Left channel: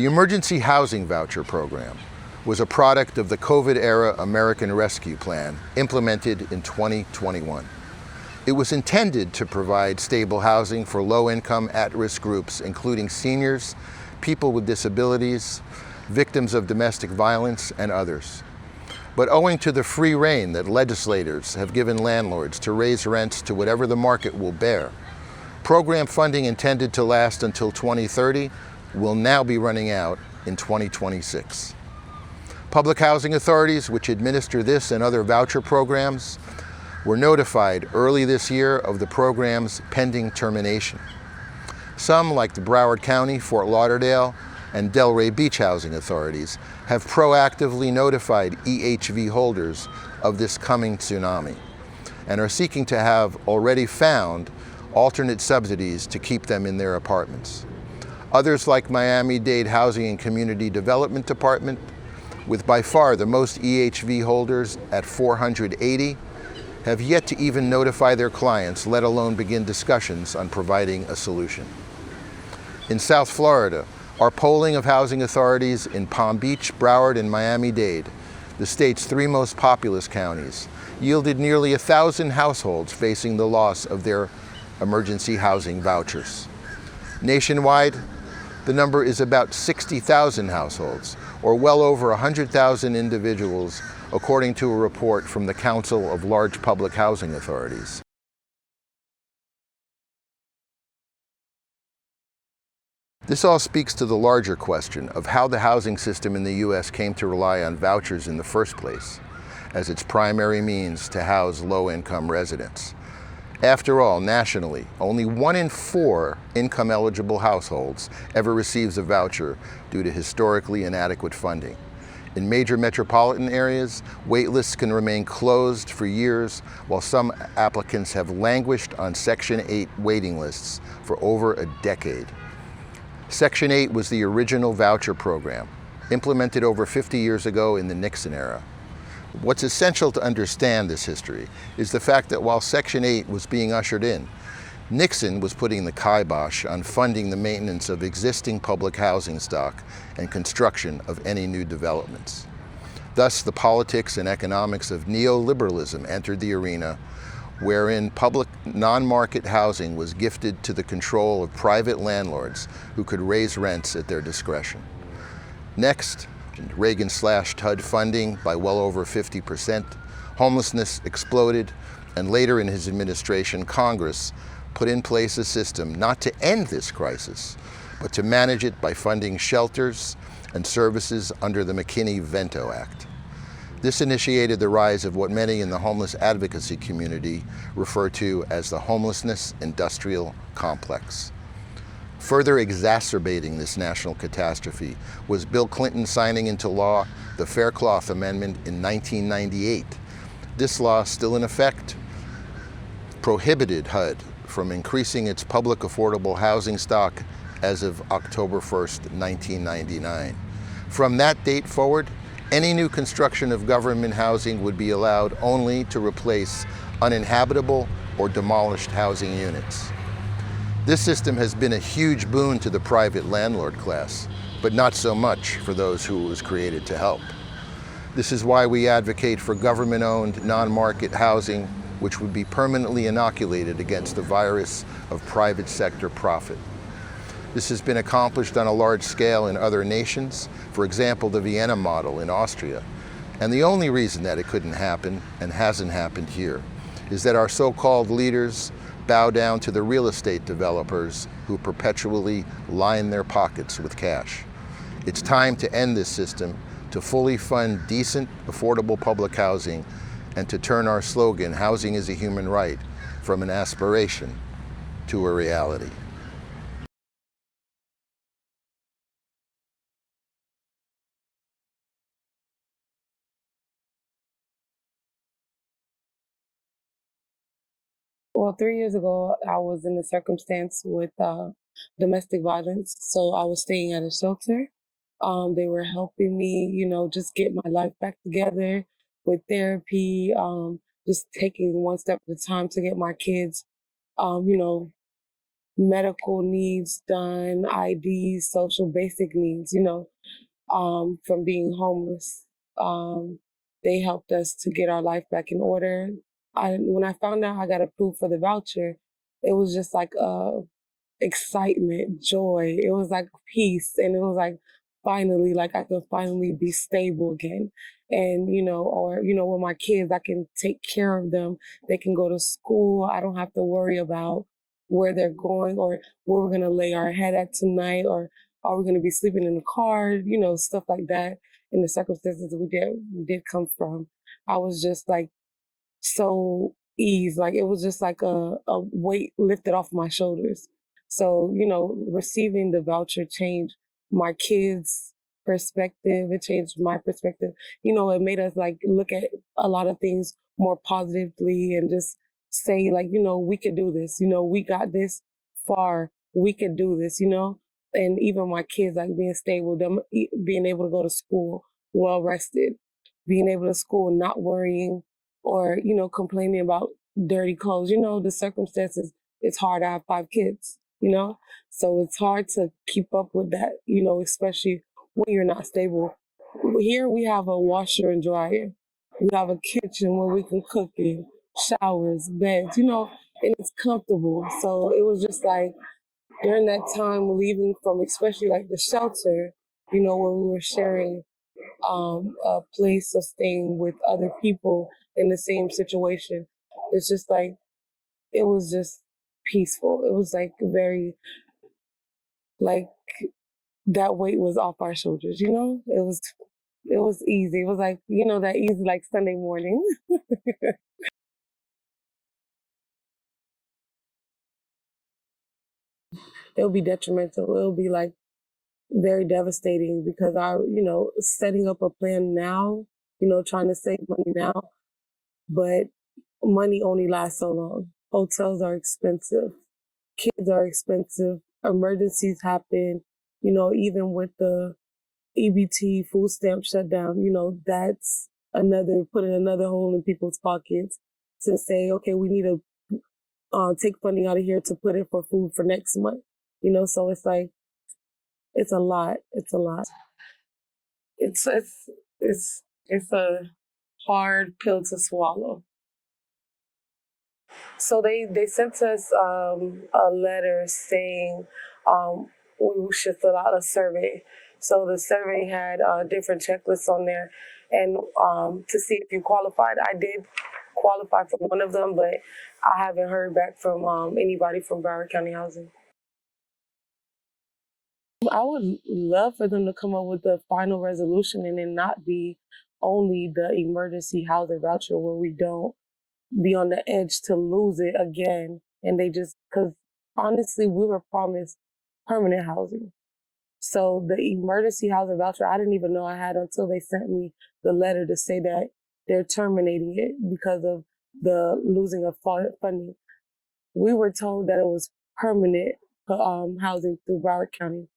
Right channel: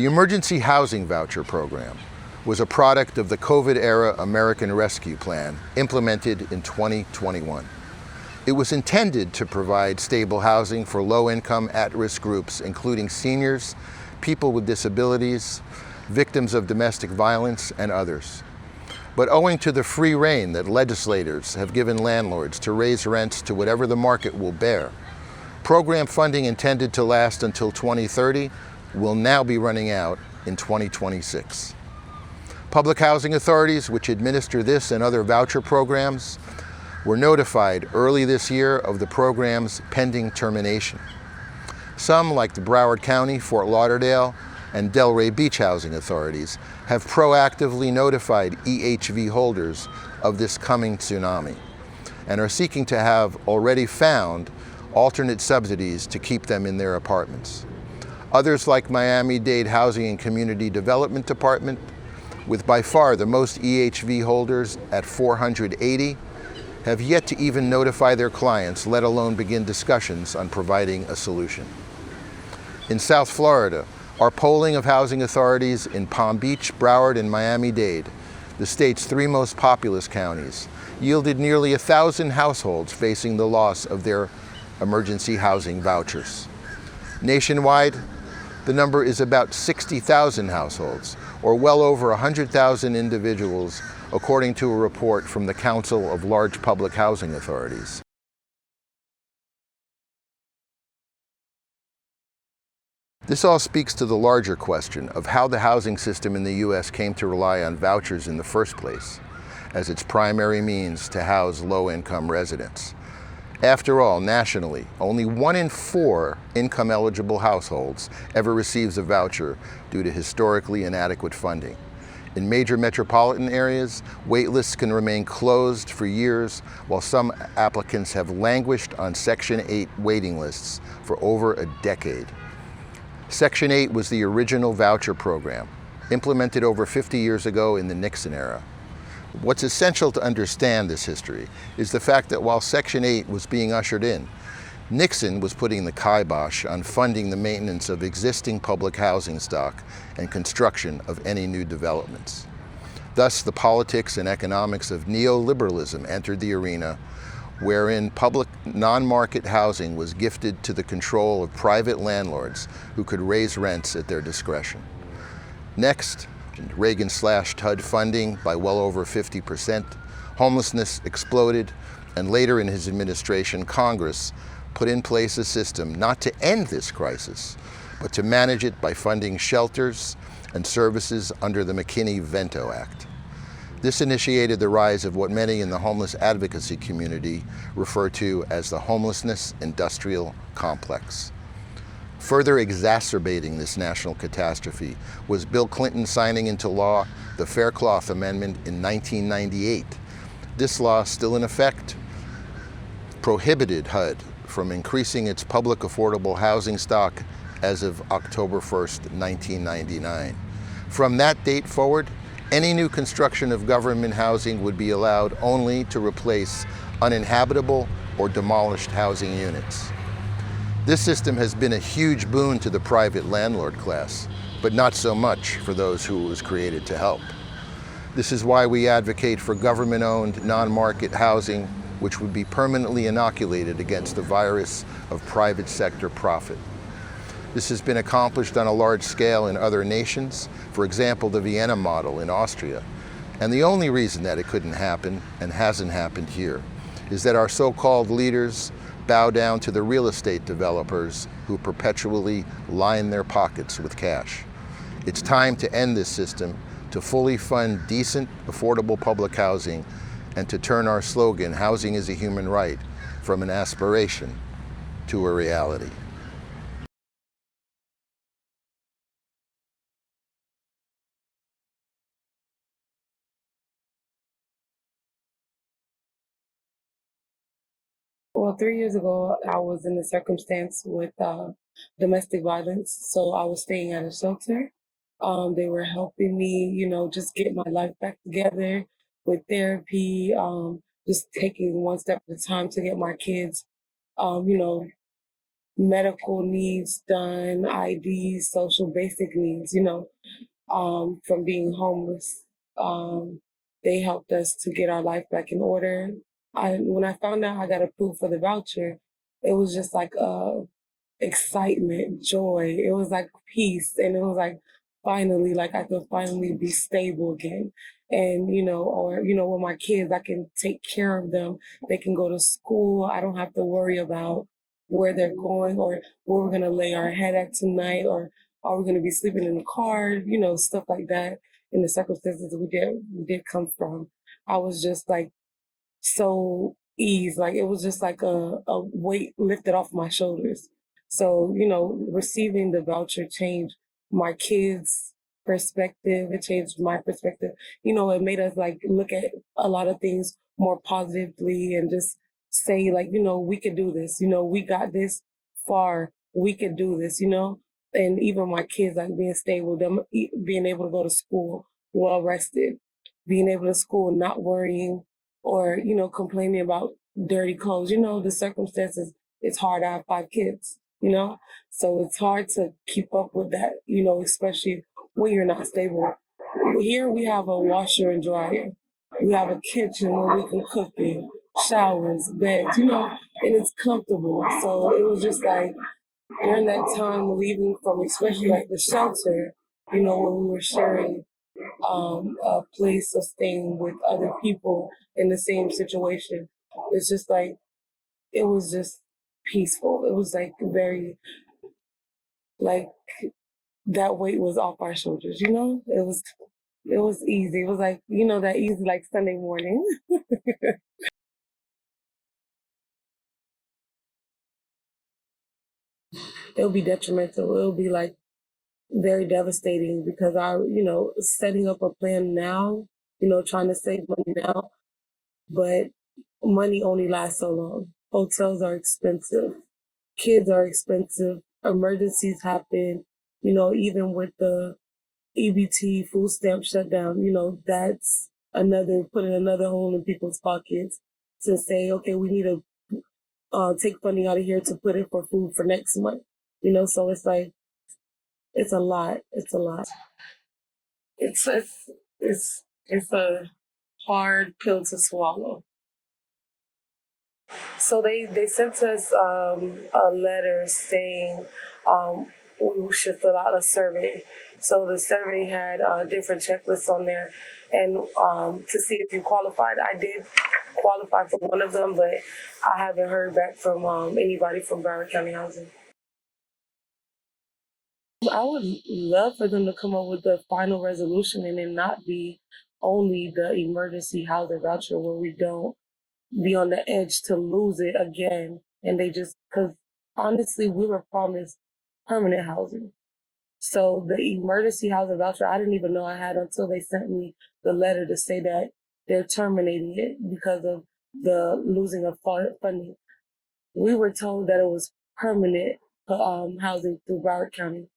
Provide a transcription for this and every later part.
The Emergency Housing Voucher Program was a product of the COVID-era American Rescue Plan implemented in 2021. It was intended to provide stable housing for low-income, at-risk groups, including seniors, people with disabilities, victims of domestic violence, and others. But owing to the free rein that legislators have given landlords to raise rents to whatever the market will bear, program funding intended to last until 2030 will now be running out in 2026. Public housing authorities, which administer this and other voucher programs, were notified early this year of the program's pending termination. Some, like the Broward County, Fort Lauderdale, and Delray Beach housing authorities, have proactively notified EHV holders of this coming tsunami and are seeking to have already found alternate subsidies to keep them in their apartments. Others, like Miami-Dade Housing and Community Development Department, with by far the most EHV holders at 480, have yet to even notify their clients, let alone begin discussions on providing a solution. In South Florida, our polling of housing authorities in Palm Beach, Broward, and Miami-Dade, the state's three most populous counties, yielded nearly 1,000 households facing the loss of their emergency housing vouchers. Nationwide, the number is about 60,000 households, or well over 100,000 individuals, according to a report from the Council of Large Public Housing Authorities. This all speaks to the larger question of how the housing system in the U.S. came to rely on vouchers in the first place as its primary means to house low-income residents. After all, nationally, only 1 in 4 income-eligible households ever receives a voucher due to historically inadequate funding. In major metropolitan areas, wait lists can remain closed for years, while some applicants have languished on Section 8 waiting lists for over a decade. Section 8 was the original voucher program, implemented over 50 years ago in the Nixon era. What's essential to understand this history is the fact that while Section 8 was being ushered in, Nixon was putting the kibosh on funding the maintenance of existing public housing stock and construction of any new developments. Thus, the politics and economics of neoliberalism entered the arena, wherein public non-market housing was gifted to the control of private landlords who could raise rents at their discretion. Next, Reagan slashed HUD funding by well over 50%, homelessness exploded, and later in his administration, Congress put in place a system not to end this crisis, but to manage it by funding shelters and services under the McKinney-Vento Act. This initiated the rise of what many in the homeless advocacy community refer to as the homelessness industrial complex. Further exacerbating this national catastrophe was Bill Clinton signing into law the Faircloth Amendment in 1998. This law, still in effect, prohibited HUD from increasing its public affordable housing stock as of October 1st, 1999. From that date forward, any new construction of government housing would be allowed only to replace uninhabitable or demolished housing units. This system has been a huge boon to the private landlord class, but not so much for those who it was created to help. This is why we advocate for government-owned, non-market housing, which would be permanently inoculated against the virus of private sector profit. This has been accomplished on a large scale in other nations, for example, the Vienna model in Austria. And the only reason that it couldn't happen, and hasn't happened here, is that our so-called leaders bow down to the real estate developers who perpetually line their pockets with cash. It's time to end this system, to fully fund decent, affordable public housing, and to turn our slogan, "Housing is a human right," from an aspiration to a reality. Well, 3 years ago, I was in a circumstance with domestic violence. So I was staying at a shelter. They were helping me, just get my life back together with therapy, just taking one step at a time to get my kids, um, you know, medical needs done, IDs, social basic needs, from being homeless. Um, they helped us to get our life back in order. When I found out I got approved for the voucher, it was just like excitement, joy. It was like peace, and it was like finally, like I could finally be stable again. And or with my kids, I can take care of them. They can go to school. I don't have to worry about where they're going or where we're gonna lay our head at tonight, or are we gonna be sleeping in the car? Stuff like that. In the circumstances we did come from, I was just like so ease. Like it was just like a weight lifted off my shoulders. So, receiving the voucher changed my kids' perspective. It changed my perspective. It made us like look at a lot of things more positively and just say like, we could do this. We got this far. We could do this. And even my kids like being stable, them being able to go to school well rested, being able to school, not worrying or complaining about dirty clothes. The circumstances. It's hard. I have 5 kids. So it's hard to keep up with that. Especially when you're not stable. Here we have a washer and dryer. We have a kitchen where we can cook in, showers, beds. And it's comfortable. So it was just like during that time leaving from especially like the shelter. When we were sharing a place of staying with other people in the same situation. It's just like it was just peaceful. It was like very like that weight was off our shoulders. It was easy. It was like that easy like Sunday morning. It'll be detrimental. It'll be like very devastating because setting up a plan now, trying to save money now, but money only lasts so long. Hotels are expensive. Kids are expensive. Emergencies happen. Even with the EBT food stamp shutdown, that's putting another hole in people's pockets to say, okay, we need to take funding out of here to put it for food for next month. So it's like, it's a lot. It's a lot. It's a hard pill to swallow. So they sent us a letter saying we should fill out a survey. So the survey had different checklists on there, and to see if you qualified. I did qualify for one of them, but I haven't heard back from anybody from Broward County Housing. I would love for them to come up with the final resolution and then not be only the emergency housing voucher where we don't be on the edge to lose it again. And they just, because honestly, we were promised permanent housing. So the emergency housing voucher, I didn't even know I had until they sent me the letter to say that they're terminating it because of the losing of funding. We were told that it was permanent housing through Broward County.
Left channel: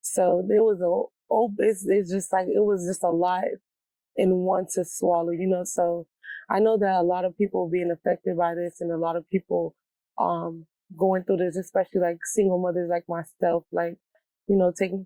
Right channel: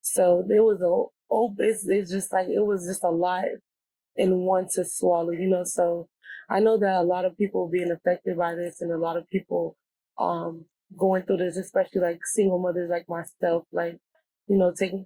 So it was it's just like, it was just a lot in one to swallow. So I know that a lot of people being affected by this and a lot of people going through this, especially like single mothers like myself, like,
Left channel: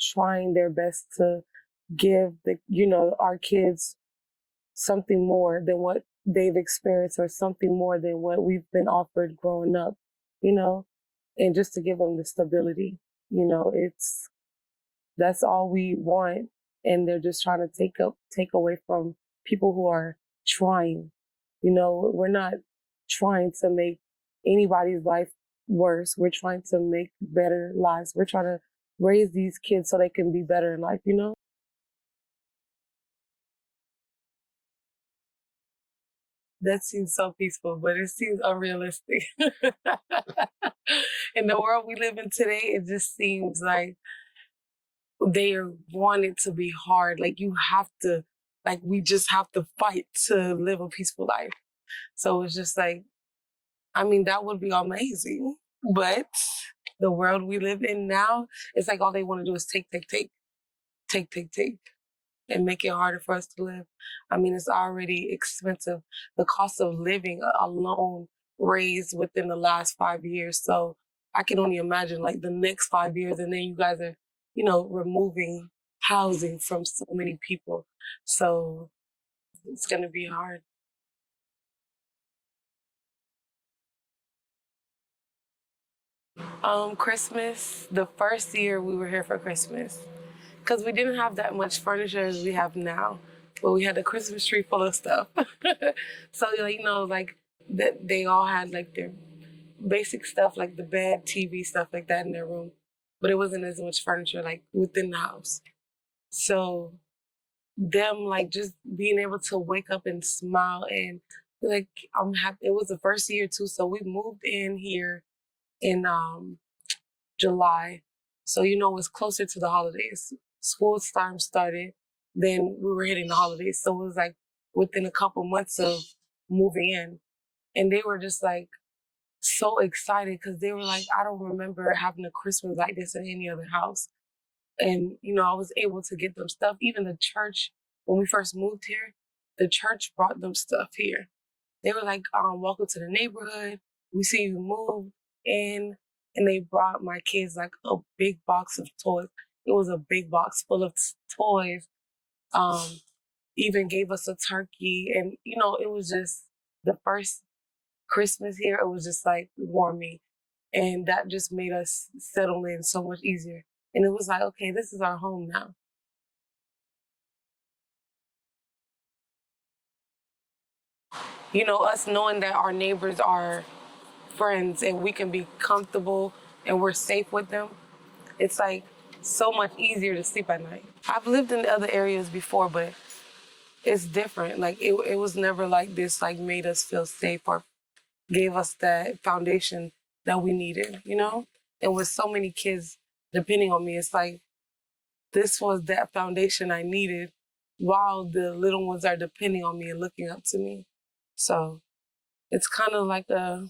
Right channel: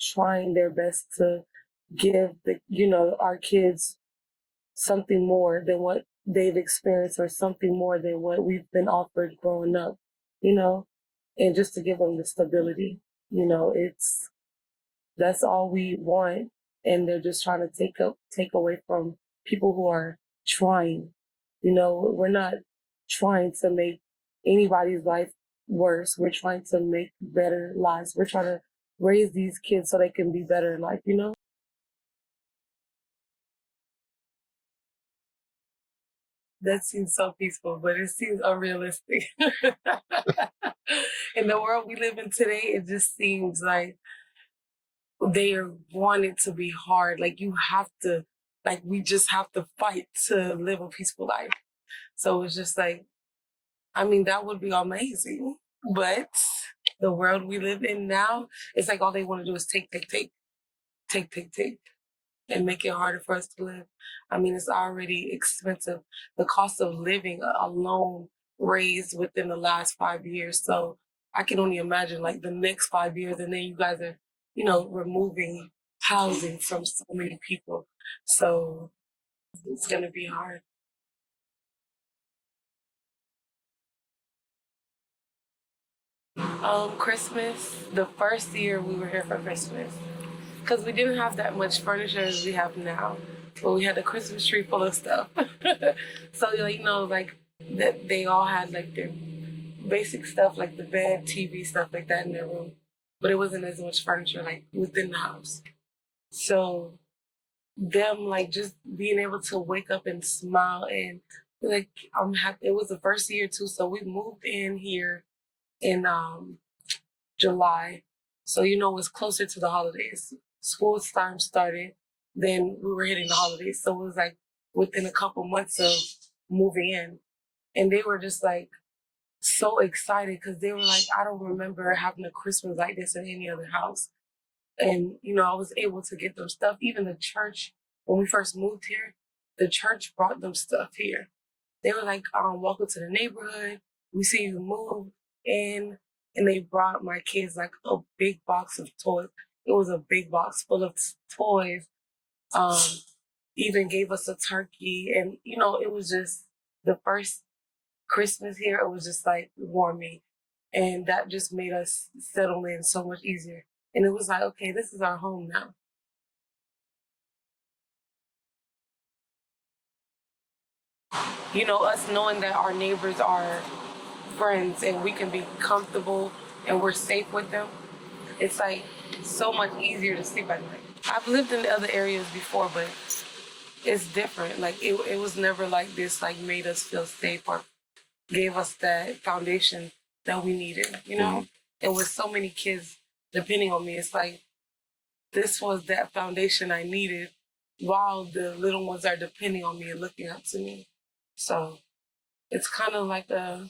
trying their best to give our kids something more than what they've experienced or something more than what we've been offered growing up, you know, and just to give them the stability, that's all we want. And they're just trying to take away from people who are trying. We're not trying to make anybody's life worse. We're trying to make better lives. We're trying to raise these kids so they can be better in life. That seems so peaceful, but it seems unrealistic. In the world we live in today, it just seems like they want it to be hard. Like we just have to fight to live a peaceful life. So it's just like, that would be amazing. But the world we live in now, it's like all they want to do is take, and make it harder for us to live. It's already expensive. The cost of living alone raised within the last 5 years. So I can only imagine like the next 5 years, and then you guys are, removing housing from so many people. So it's gonna be hard. Christmas, the first year we were here for Christmas, because we didn't have that much furniture as we have now, but we had a Christmas tree full of stuff. So like that they all had like their basic stuff, like the bed, TV, stuff like that in their room, but it wasn't as much furniture like within the house. So them like just being able to wake up and smile and like I'm happy. It was the first year too, so we moved in here in July. So, it was closer to the holidays. School time started, then we were hitting the holidays. So it was like within a couple months of moving in. And they were just like so excited because they were like, I don't remember having a Christmas like this in any other house. And, I was able to get them stuff. Even the church, when we first moved here, the church brought them stuff here. They were like, welcome to the neighborhood. We see you move in. And they brought my kids like a big box of toys. It was a big box full of toys. Um, Even gave us a turkey. And, it was just the first Christmas here. It was just like warming. And that just made us settle in so much easier. And it was like, okay, this is our home now. Us knowing that our neighbors are friends and we can be comfortable and we're safe with them, it's like so much easier to sleep at night. I've lived in other areas before, but it's different. Like it was never like this, like made us feel safe or gave us that foundation that we needed, And with so many kids depending on me, it's like this was that foundation I needed while the little ones are depending on me and looking up to me. So it's kind of like a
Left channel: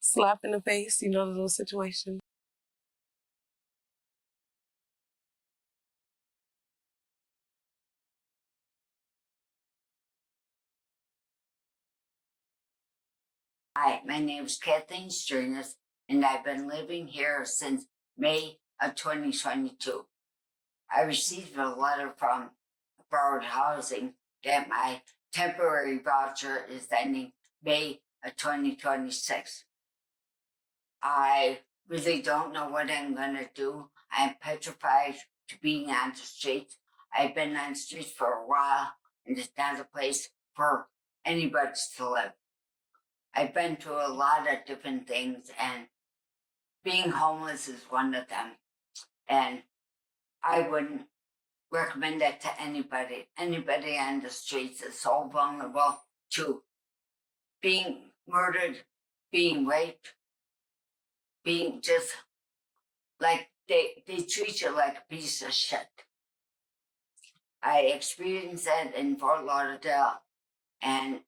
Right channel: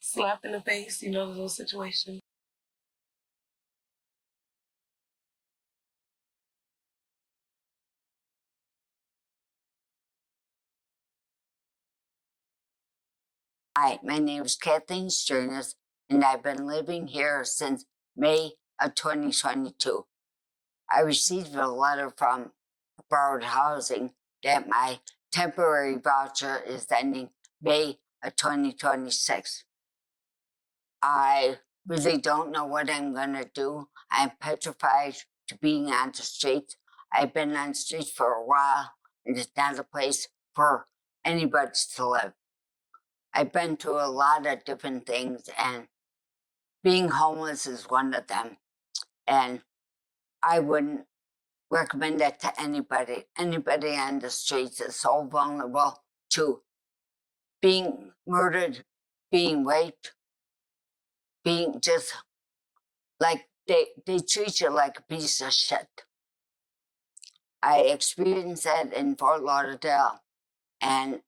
slap in the face, the little situation. Hi, my name is Kathleen Sternis, and I've been living here since May of 2022. I received a letter from Broward Housing that my temporary voucher is ending May of 2026. I really don't know what I'm going to do. I'm petrified to being on the streets. I've been on the streets for a while, and it's not a place for anybody to live. I've been through a lot of different things, and being homeless is one of them. And I wouldn't recommend that to anybody. Anybody on the streets is so vulnerable to being murdered, being raped, being just like they treat you like a piece of shit. I experienced that in Fort Lauderdale, and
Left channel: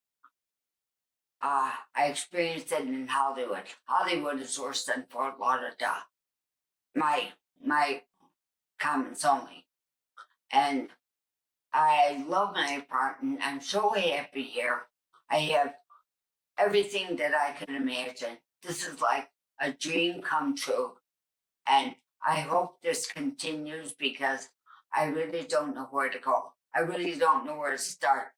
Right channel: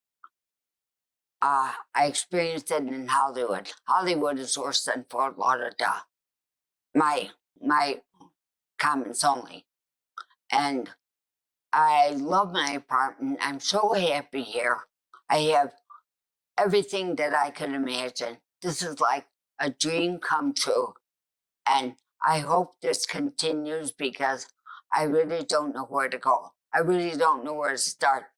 I experienced it in Hollywood. Hollywood is worse than Fort Lauderdale. My comments only. And I love my apartment. I'm so happy here. I have everything that I could imagine. This is like a dream come true. And I hope this continues because I really don't know where to go. I really don't know where to start.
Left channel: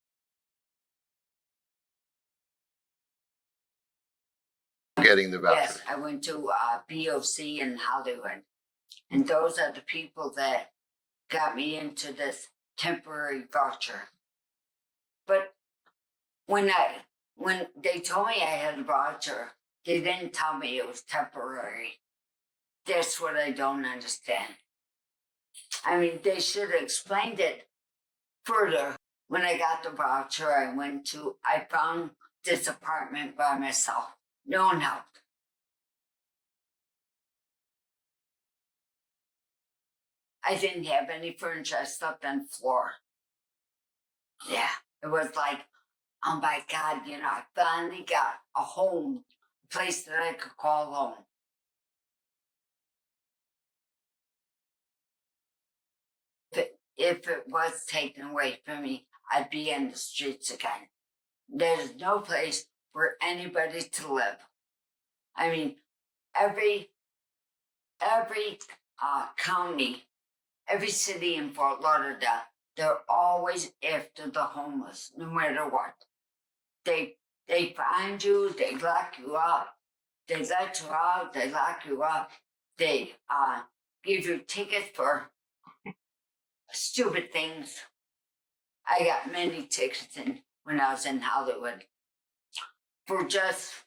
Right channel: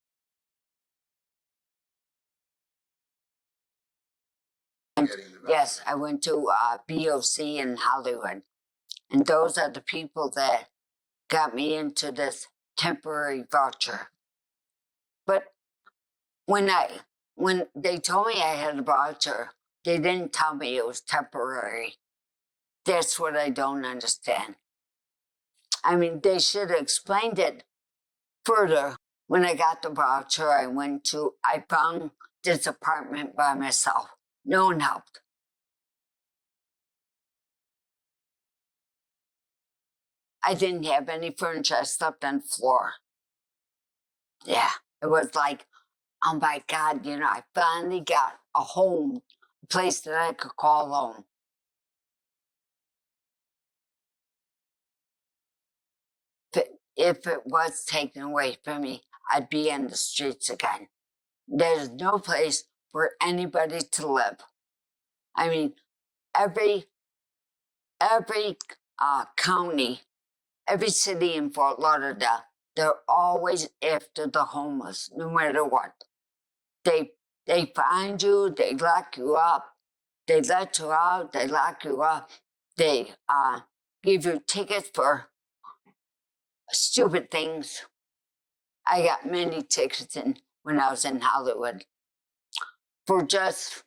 Getting the voucher. Yes, I went to BOC in Hollywood. And those are the people that got me into this temporary voucher. But when they told me I had a voucher, they didn't tell me it was temporary. That's what I don't understand. I mean, they should have explained it further. When I got the voucher, I found this apartment by myself. No one helped. I didn't have any furniture. I slept on the floor. Yeah, it was like, oh my God, I finally got a home, a place that I could call home. If it was taken away from me, I'd be in the streets again. There's no place for anybody to live. I mean, every every county, every city in Fort Lauderdale, they're always after the homeless, no matter what. They find you, they lock you up, they let you out, they lock you up, they give you tickets for stupid things. I got many tickets when I was in Hollywood for just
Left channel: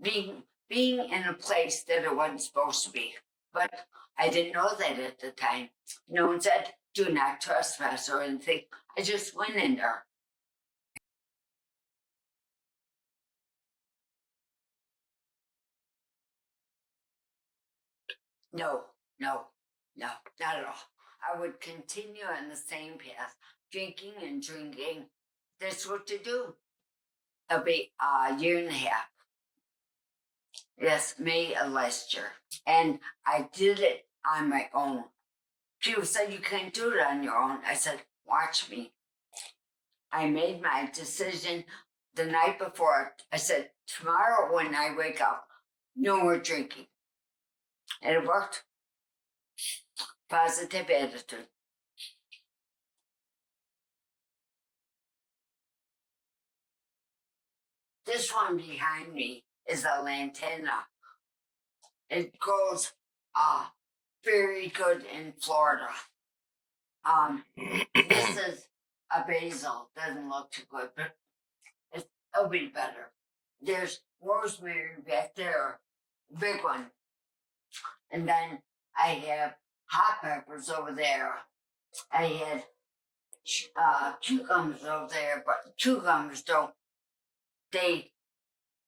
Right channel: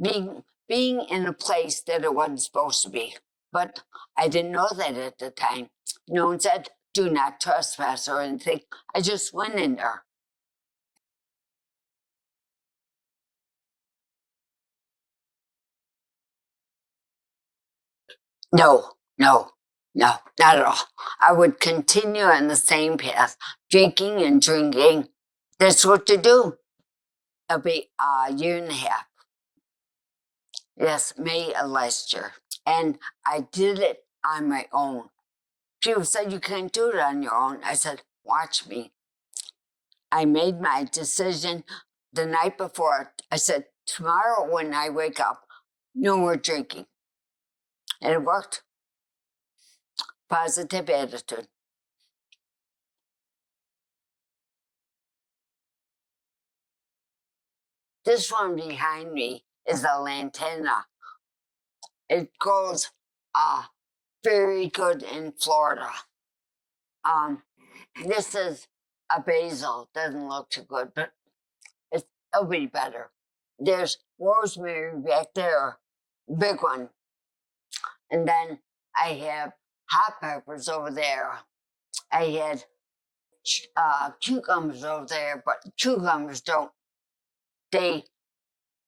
being in a place that it wasn't supposed to be. But I didn't know that at the time. No one said, do not trespass or anything. I just went in there. No, not at all. I would continue on the same path, drinking and drinking. That's what to do. It'll be a year and a half. Yes, May of last year. And I did it on my own. People said, you can't do it on your own. I said, watch me. I made my decision the night before. I said, tomorrow when I wake up, no more drinking. And it worked. Positive attitude. This one behind me is a lantana. It grows very good in Florida. This is a basil. Doesn't look too good, but it'll be better. There's rosemary back there, big one. And then I have hot peppers over there. I had cucumbers over there, but cucumbers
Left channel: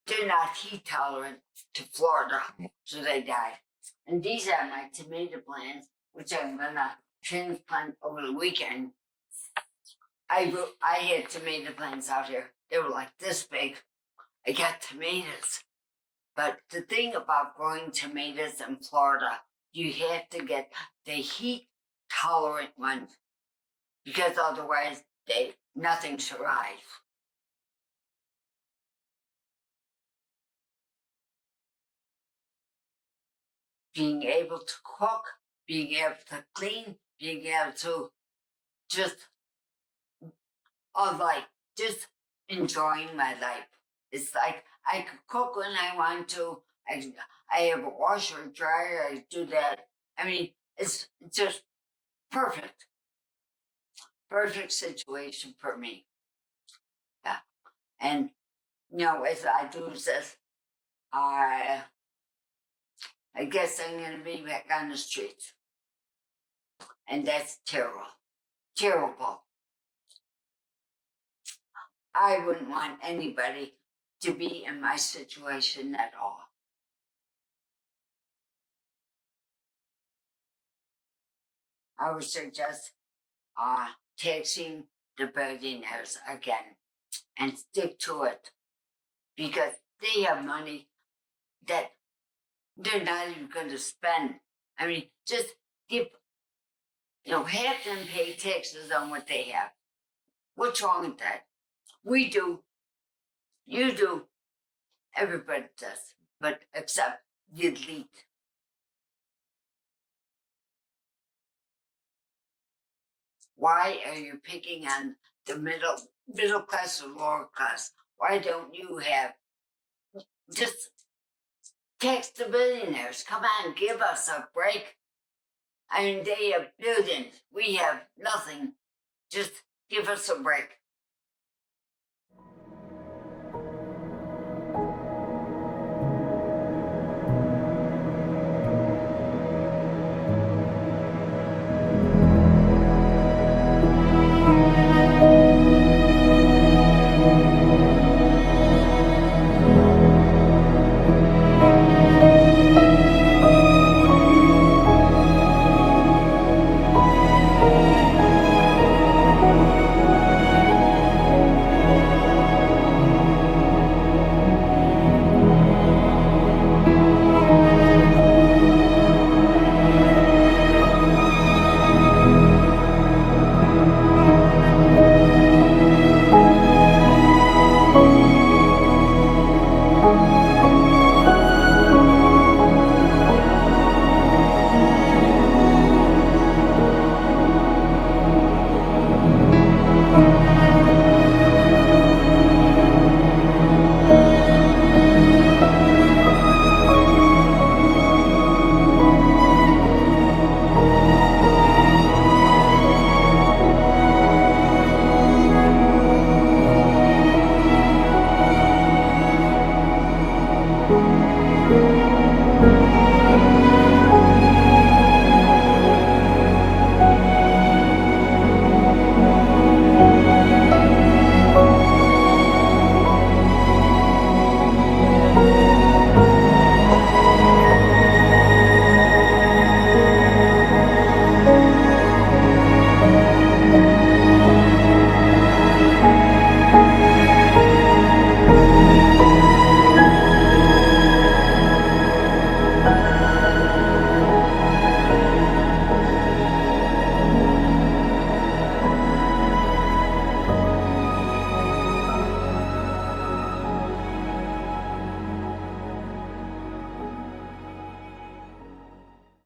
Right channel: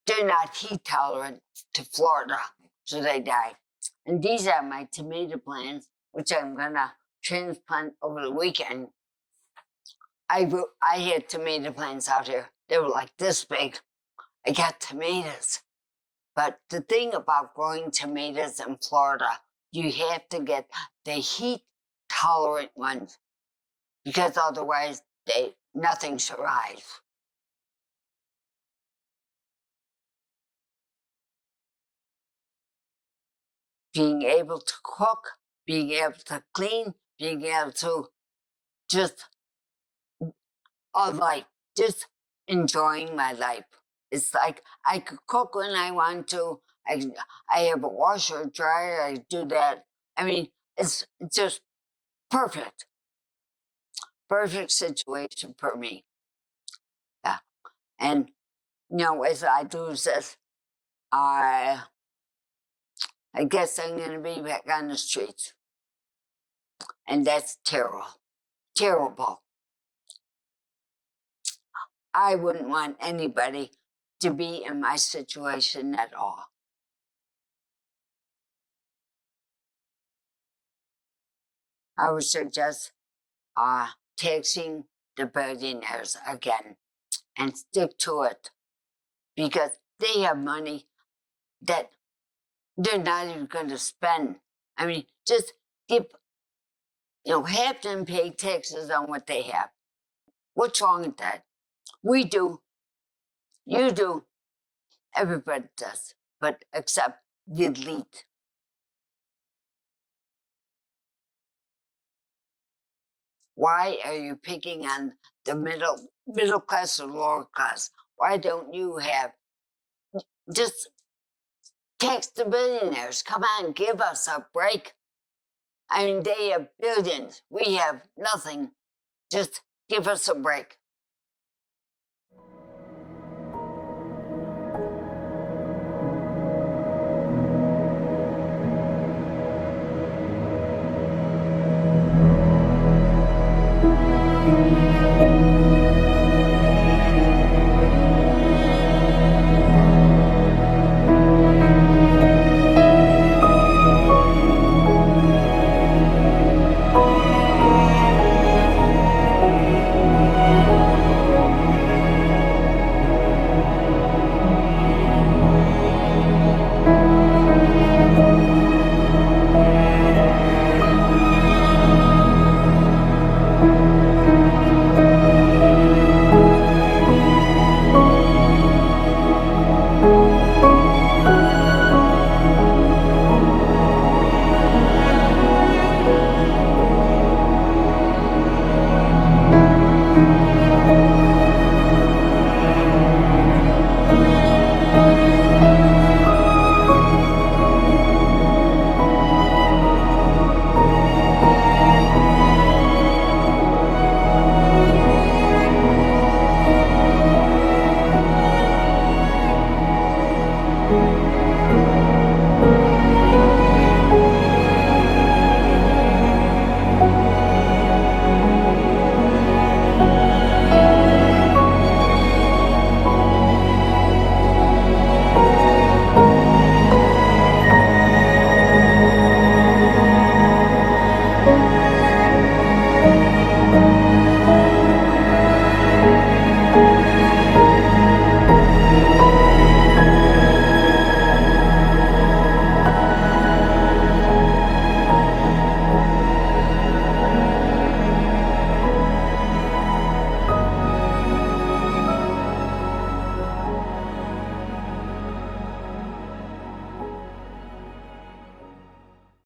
they're not heat tolerant to Florida, so they die. And these are my tomato plants, which I'm gonna transplant over the weekend. I had tomato plants out here. They were like this big. I got tomatoes. But the thing about growing tomatoes in Florida, you have to get the heat tolerant ones, because otherwise nothing survives. Being able to cook, being able to clean, being able to just just enjoying my life. It's like I could cook when I want to. I have a washer, dryer, I do that. I mean, it's just perfect. Perfect situation for me. Yeah. And, as I do this, I guess I'm going to be back on the streets. And that's terrible. Terrible. I wouldn't want anybody to be in my situation at all. I would suggest taxing the billionaires again and stick to it, because they have money that they're not even going to spend. I mean, just give, have them pay taxes on what they have. What's wrong with that? We do. You do. Everybody does. But except the elite. Why are you picking on the middle class or lower class? Why don't you just tax the billionaires? Come on, give us a break. I mean, they have billions. We have nothing. Just give us a break.